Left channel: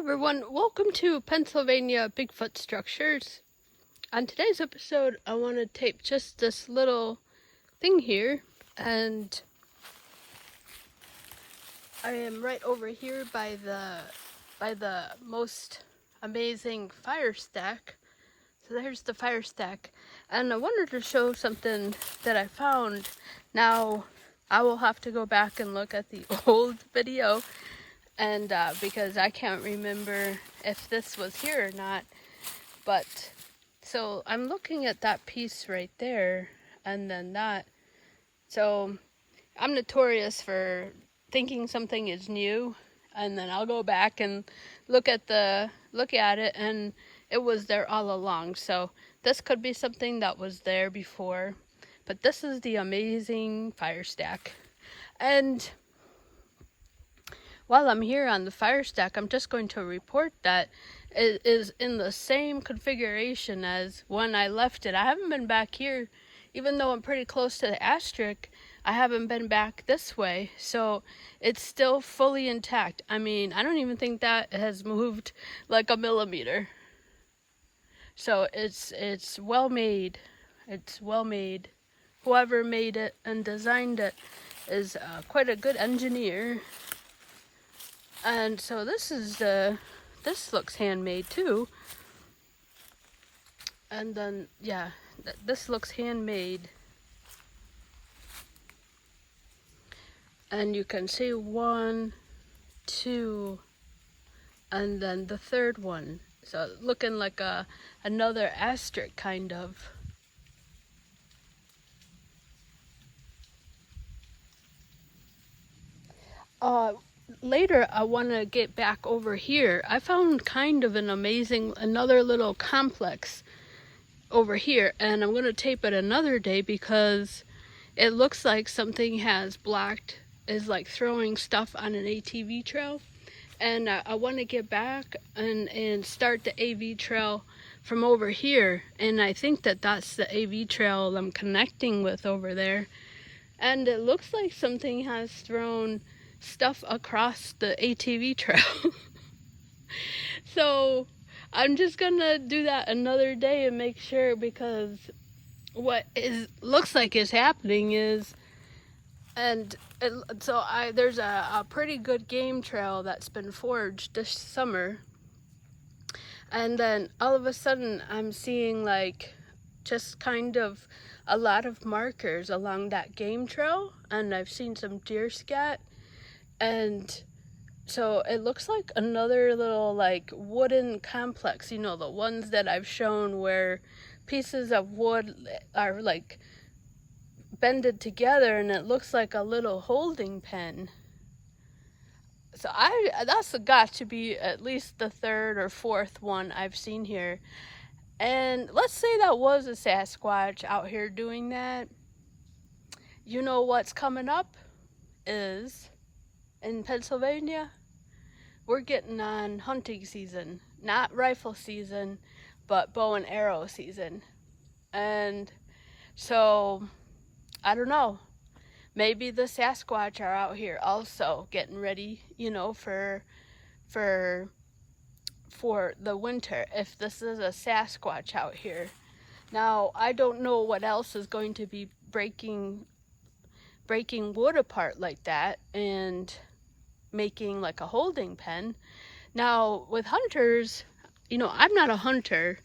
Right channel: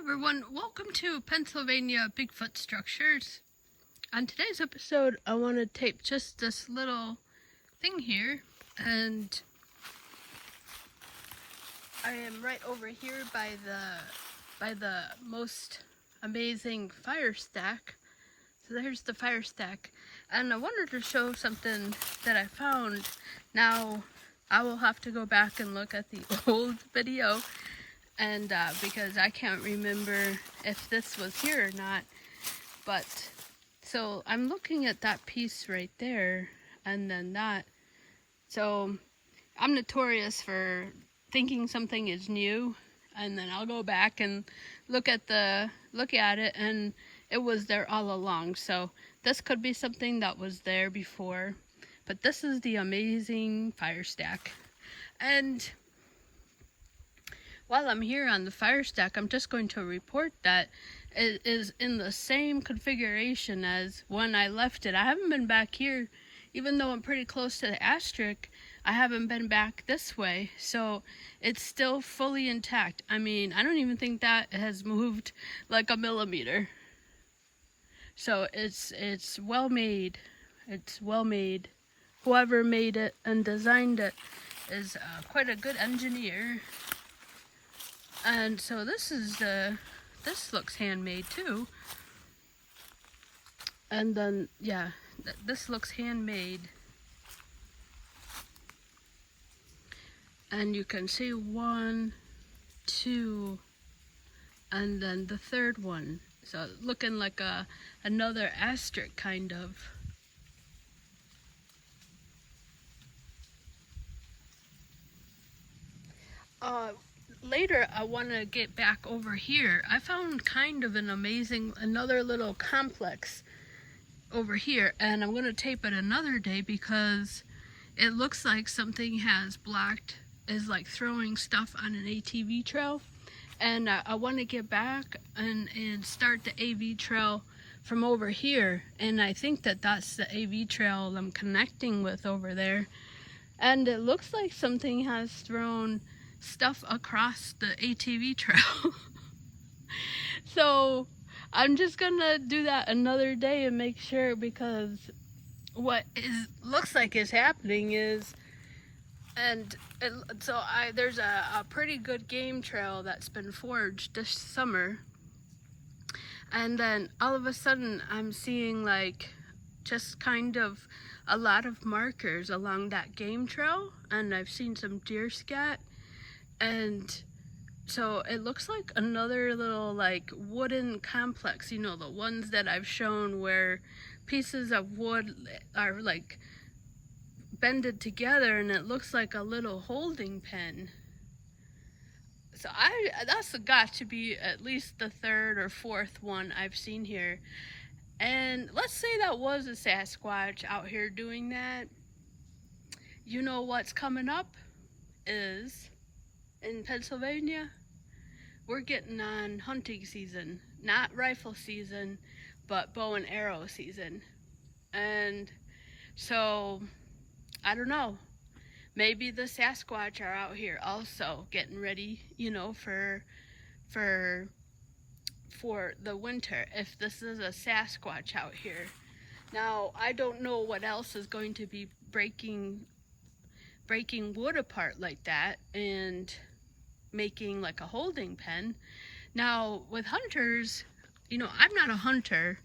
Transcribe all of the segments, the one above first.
everyone, welcome to Pennsylvania Bigfoot Structures. On today's episode, I want to tape just this little thing here, and I am right over here by the most amazing Firestack. So there's the Firestack, and I wanted to show something that I found. Now, I will have to go back and look at the old video. And because I can't remember if this was here or not, but so I'm looking at that piece right there, and then that. So I'm notorious for thinking something is new, and then I'll go back and look at it, and it was there all along. So this could be something that was there before, but this is the amazing Firestack. And while I'm here on the Firestack, I'm just going to report that it is in the same configuration as when I left it. I haven't been back here, even though I'm pretty close to the asterisk. I haven't been back this way, so it's still fully intact. I mean, I don't even think that has moved like a millimeter. So it's well made. It's well made. Whoever made it and designed it is quite a good engineer. And so this looks handmade too. And then, yeah, this looks handmade. And you can see 1, 2, and then the third one. So looking like another asterisk kind of. Later, I want to get back over here. I found kind of another little complex over here, and I'm going to tape it another day because it looks like something is like throwing stuff on an ATV trail. And I want to get back and start the AV trail from over here. And I think that's the AV trail I'm connecting with over there. And it looks like something has thrown stuff across the ATV trail. So I'm just gonna do that another day and make sure, because what looks like is happening is, there's a pretty good game trail that's been forged this summer, and then all of a sudden I'm seeing like just kind of a lot of markers along that game trail, and I've seen some deer scat. And so it looks like another little like wooden complex, you know, the ones that I've shown where pieces of wood are like bended together, and it looks like a little holding pen. So that's got to be at least the third or fourth one I've seen here. And let's say that was a Sasquatch out here doing that. You know what's coming up is, in Pennsylvania, we're getting on hunting season. Not rifle season, but bow and arrow season. And so, I don't know, maybe the Sasquatch are out here also getting ready, you know, for the winter, if this is a Sasquatch out here. Now, I don't know what else is going to be breaking wood apart like that and making like a holding pen. Now, with hunters, you know, I'm not a hunter,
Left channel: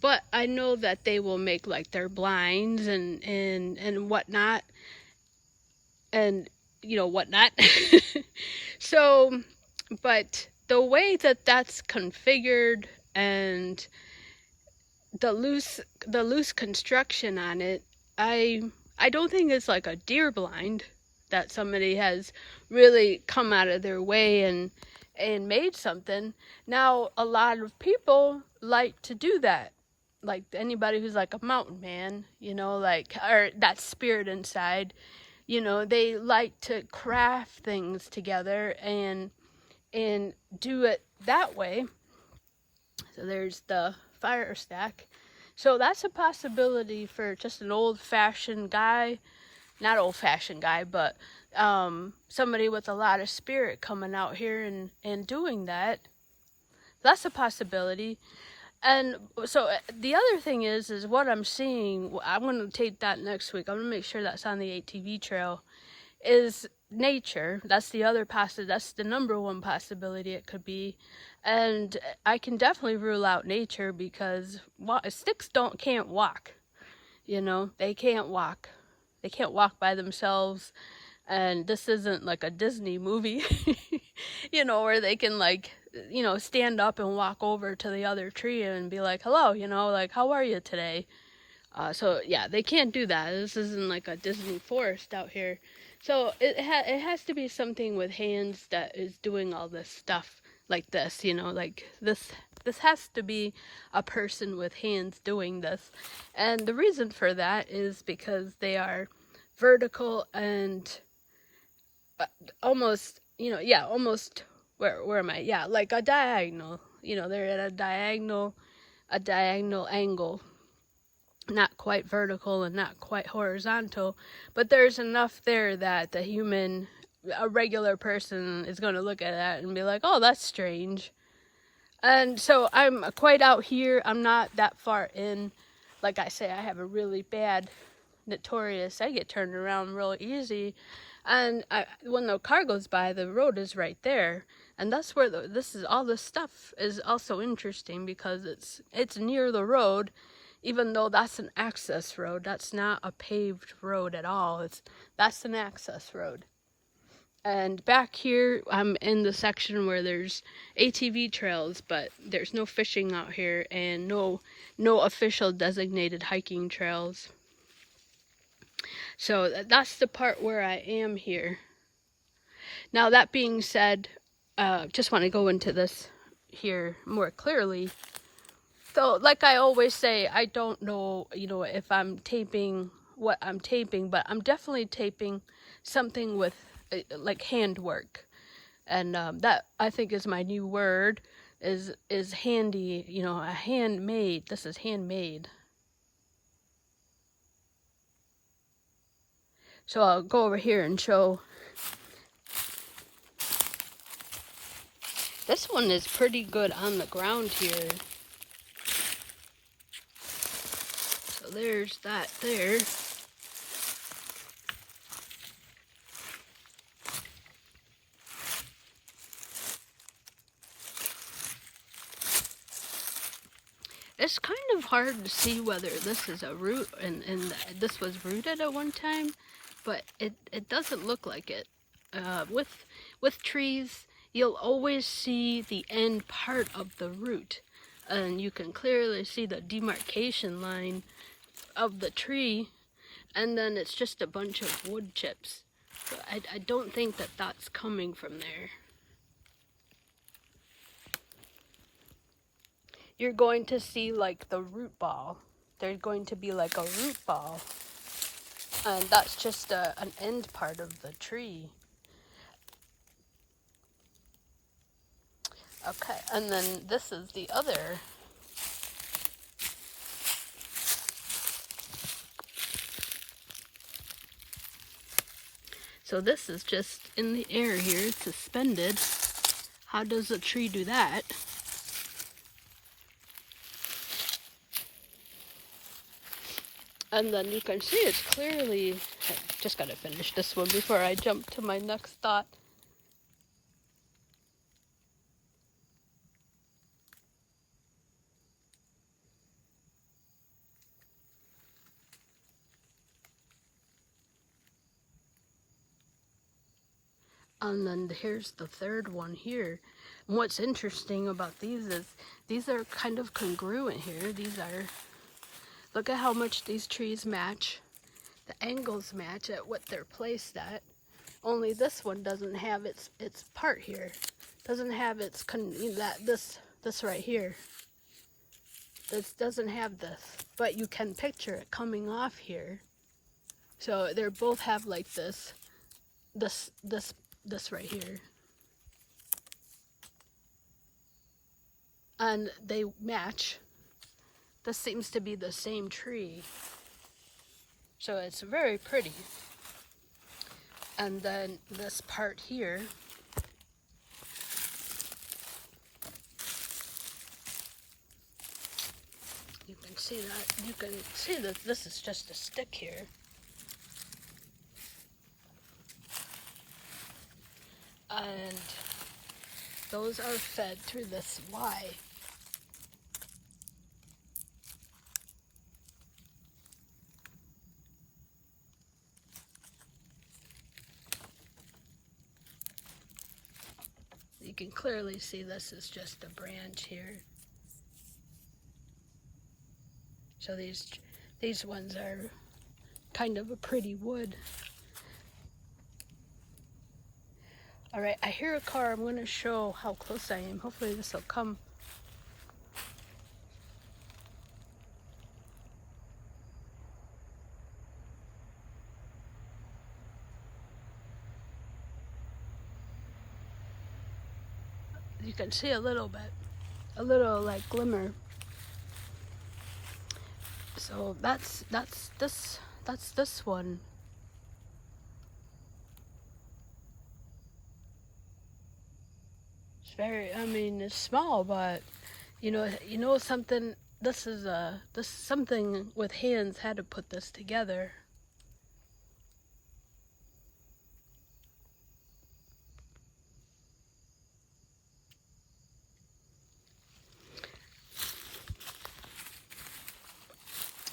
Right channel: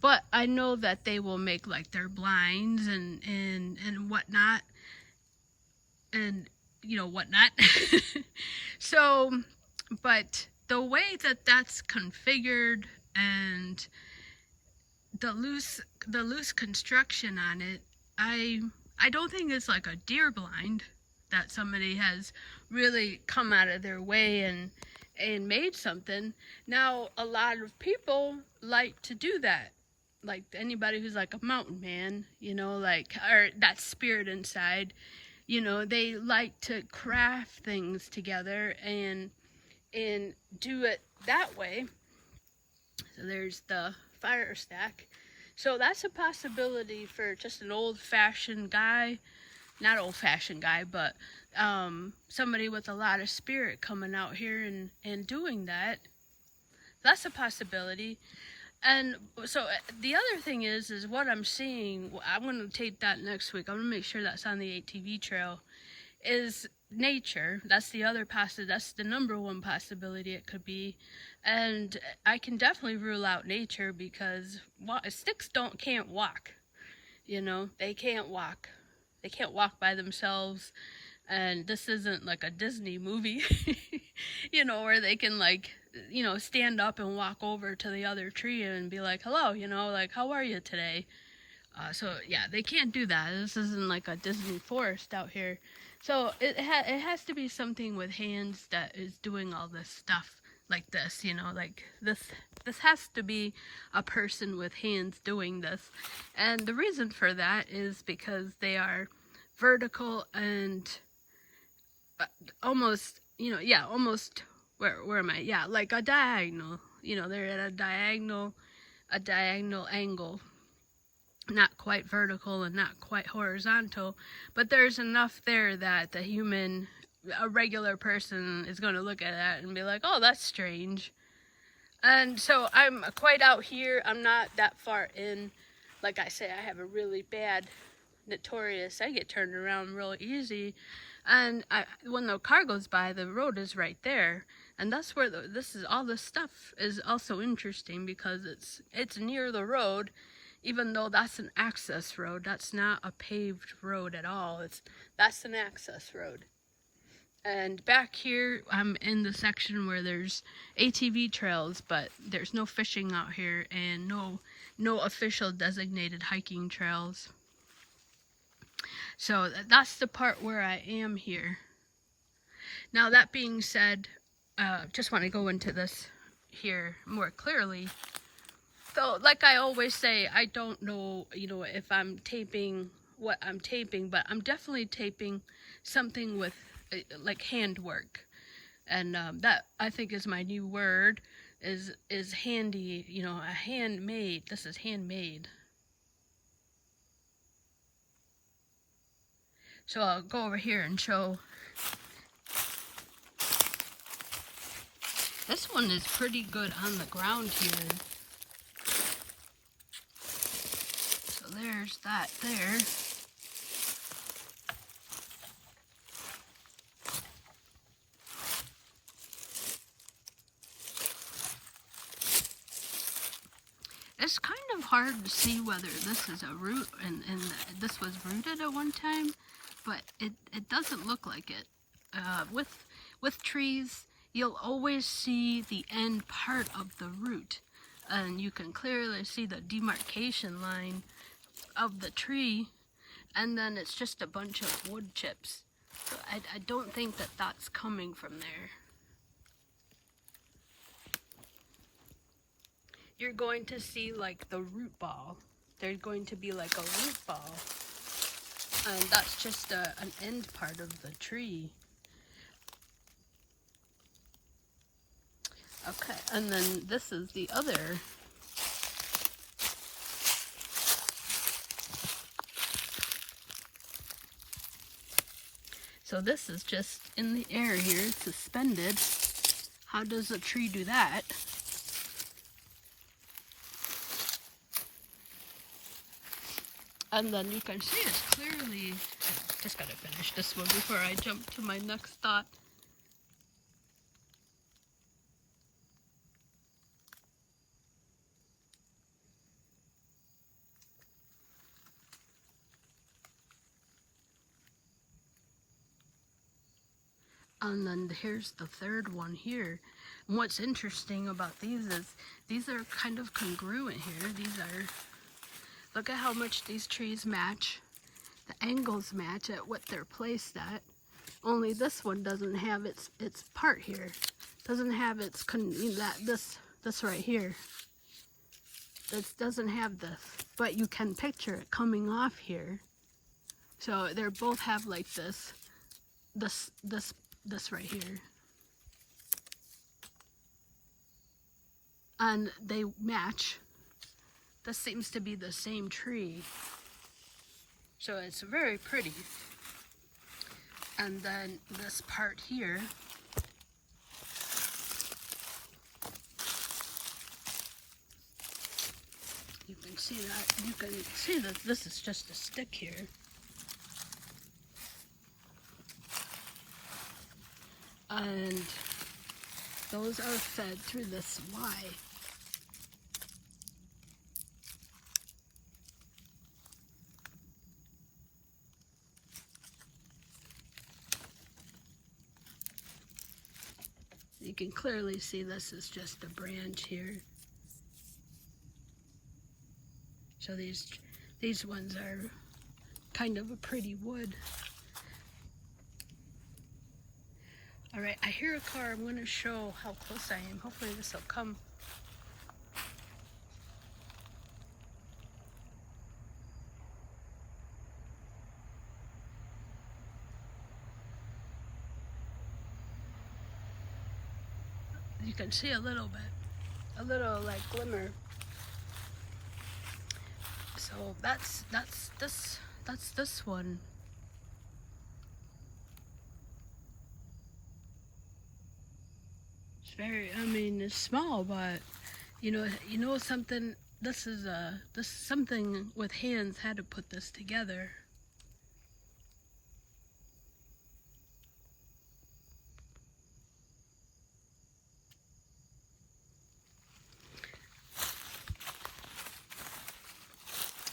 but I know that they will make like their blinds and whatnot, and you know whatnot. So, but the way that that's configured and the loose construction on it, I don't think it's like a deer blind that somebody has really come out of their way and made something. Now, a lot of people like to do that. Like anybody who's like a mountain man, you know, like, or that spirit inside, you know, they like to craft things together and do it that way. So there's the Firestack. So that's a possibility for just an old-fashioned guy. Not old-fashioned guy, but somebody with a lot of spirit coming out here and doing that. that's a possibility. And so the other thing is what I'm seeing, I'm going to take that next week. I'm going to make sure that's on the ATV trail, is nature. That's the other possibility. That's the number one possibility it could be. And I can definitely rule out nature because sticks can't walk. You know, they can't walk. They can't walk by themselves. And this isn't like a Disney movie, you know, where they can like, you know, stand up and walk over to the other tree and be like, hello, you know, like, how are you today? So yeah, they can't do that. This isn't like a Disney forest out here. So it has to be something with hands that is doing all this stuff like this, you know, like this has to be a person with hands doing this. And the reason for that is because they are vertical and almost, you know, yeah, almost, where am I? Yeah, like a diagonal, you know, they're at a diagonal angle. Not quite vertical and not quite horizontal, but there's enough there that a regular person is going to look at that and be like, oh, that's strange. And so I'm quite out here. I'm not that far in. Like I say, I have a really bad notorious. I get turned around real easy. And when the car goes by, the road is right there. And that's where all this stuff is also interesting because it's near the road. Even though that's an access road, that's not a paved road at all. That's an access road. And back here, I'm in the section where there's ATV trails, but there's no fishing out here and no official designated hiking trails. So that's the part where I am here. Now that being said, just want to go into this here more clearly. So, like I always say, I don't know, you know, if I'm taping what I'm taping, but I'm definitely taping something with, like, handwork. And that, I think, is my new word, is handy, you know, a handmade. This is handmade. So I'll go over here and show. This one is pretty good on the ground here. There's that there. It's kind of hard to see whether this is a root and this was rooted at one time, but it doesn't look like it. With trees, you'll always see the end part of the root, and you can clearly see the demarcation line of the tree, and then it's just a bunch of wood chips. So I don't think that that's coming from there. You're going to see like the root ball. There's going to be like a root ball, and that's just an end part of the tree. Okay, and then this is the other. So this is just in the air here, it's suspended. How does a tree do that? And then you can see it's clearly, I just gotta finish this one before I jump to my next thought. And then here's the third one here. And what's interesting about these is these are kind of congruent here. Look at how much these trees match. The angles match at what they're placed at. Only this one doesn't have its part here. Doesn't have its, this right here. This doesn't have this. But you can picture it coming off here. So they both have like this right here. And they match. This seems to be the same tree. So it's very pretty. And then this part here. see that. You can see that this is just a stick here. And those are fed through this Y. You can clearly see this is just a branch here. So these ones are kind of a pretty wood. All right, I hear a car. I'm going to show how close I am. Hopefully this will come. You can see a little bit, a little like glimmer. So that's this one. It's very, I mean, it's small, but you know something. This is something with hands had to put this together.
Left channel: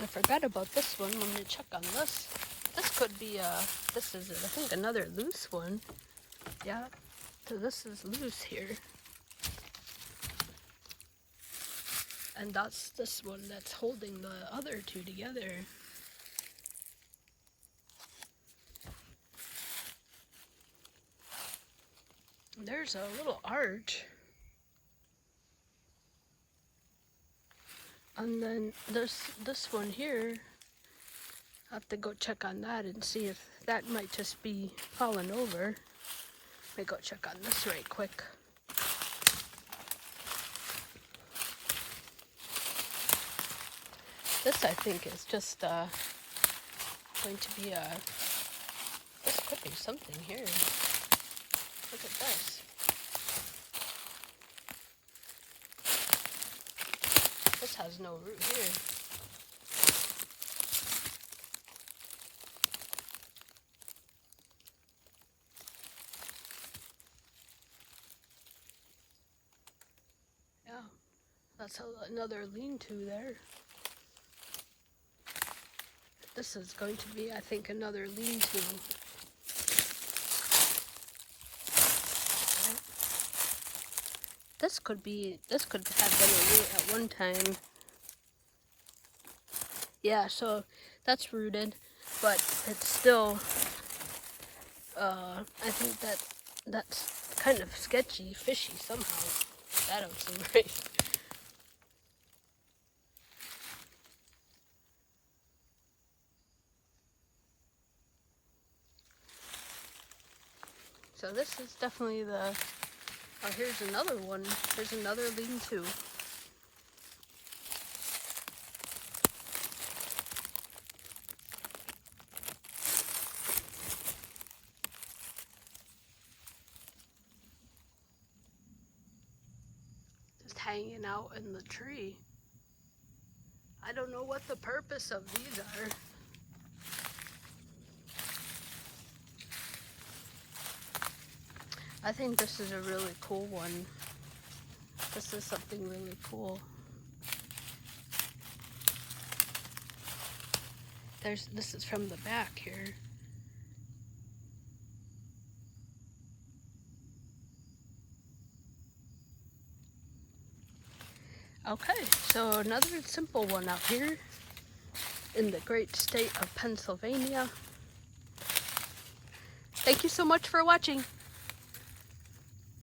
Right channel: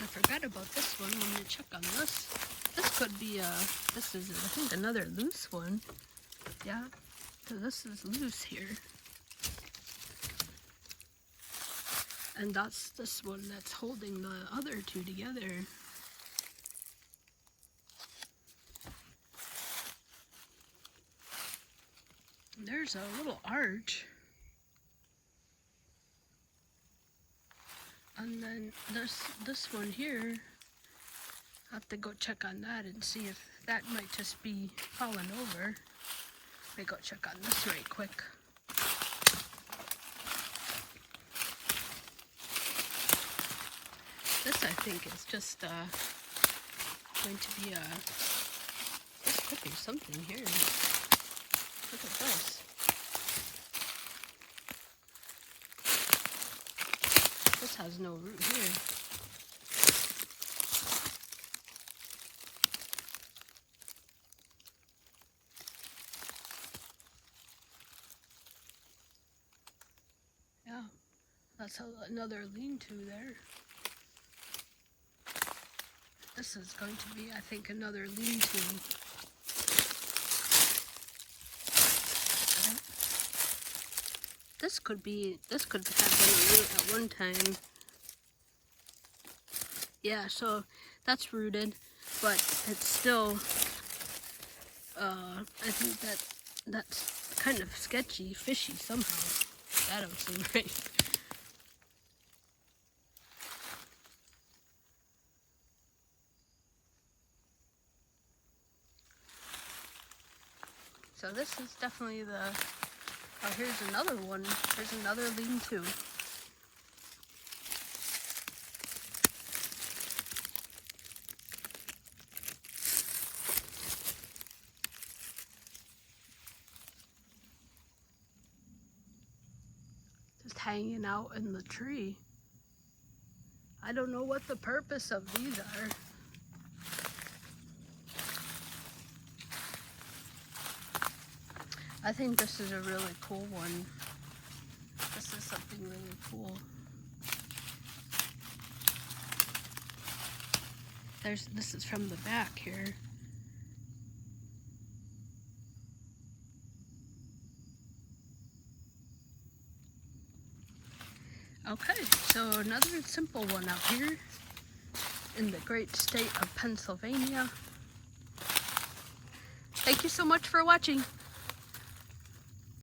I forgot about this one. Let me check on this. This could be this is I think another loose one. Yeah, so this is loose here. And that's this one that's holding the other two together. There's a little arch. And then there's this one here. I have to go check on that and see if that might just be falling over. Let me go check on this right quick. This I think is just going to be there could be something here. Look at this. This has no root here. Yeah, that's another lean-to there. This is going to be, I think, another lean-to. Yep. This could have been a root at one time. Yeah, so that's rooted, but it's still, I think that's kind of sketchy, fishy somehow. That don't seem right. So this is definitely the, oh, here's another one. Here's another lean-to. Just hanging out in the tree. I don't know what the purpose of these are. I think this is a really cool one. This is something really cool. This is from the back here. Okay, so another simple one out here in the great state of Pennsylvania. Thank you so much for watching.